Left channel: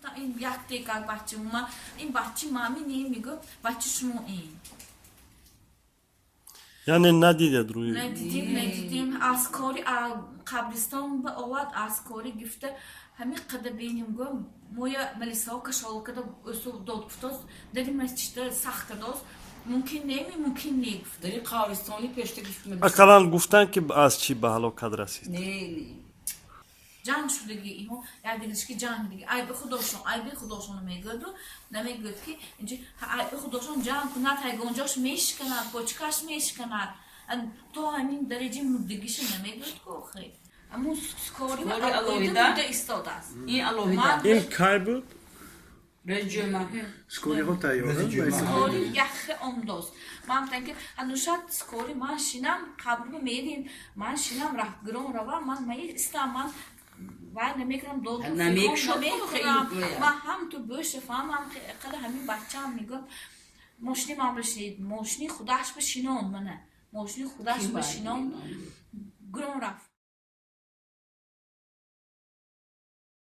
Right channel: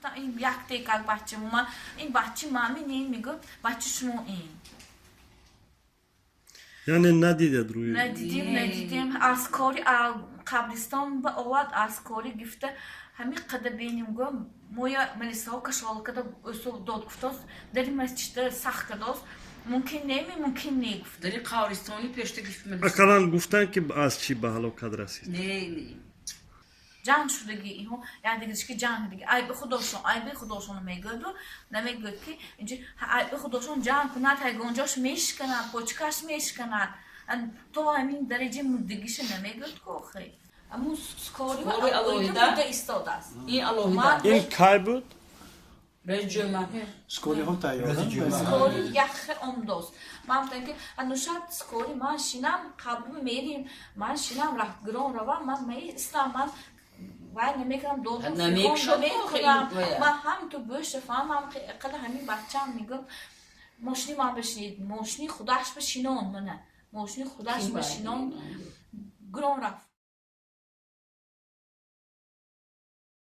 گفتم این یک دقیقه بچه ما این بچه مامی میگفت بچه شما این یعنی ندیدید روی ندیدیم از کاری قبرستان به آواد از کاری گفته همین قدر بینیم گم مویا ملیسا کشال کده اسو داد گفتاست داری مسجد سخت کداست ممکن ممکن گفت داری قبرستانی پشت گفت اکلان گفتن که از چی به هلاکت رسید نه جان شدگی اینو یعنی دیگه که جان دیگه ای به خودشون میگه نمیگه که اینجا ای به خودشون جان کنه تا گنجاش میشکنه پوچکاش میشکنه تو همین درجه مدگیش نمیگه که خیلی اما سکاری الوهیده ایستاده است این الوهیده این کی بود؟ رئیس جمهور سکوری ها تایاره سکاری یخ امداست من تنکه انوشات سکاری من شینم قبل میدیم من شینم رفت گرون رو من استم من وای نمیکنم دو نمیکنم من هم تو بوش فهمم قد همین بچه‌ام میگفت ماشینی من بشنید ماشینی خودش بشینون منه ماشینی خودش بشینون گرون رفت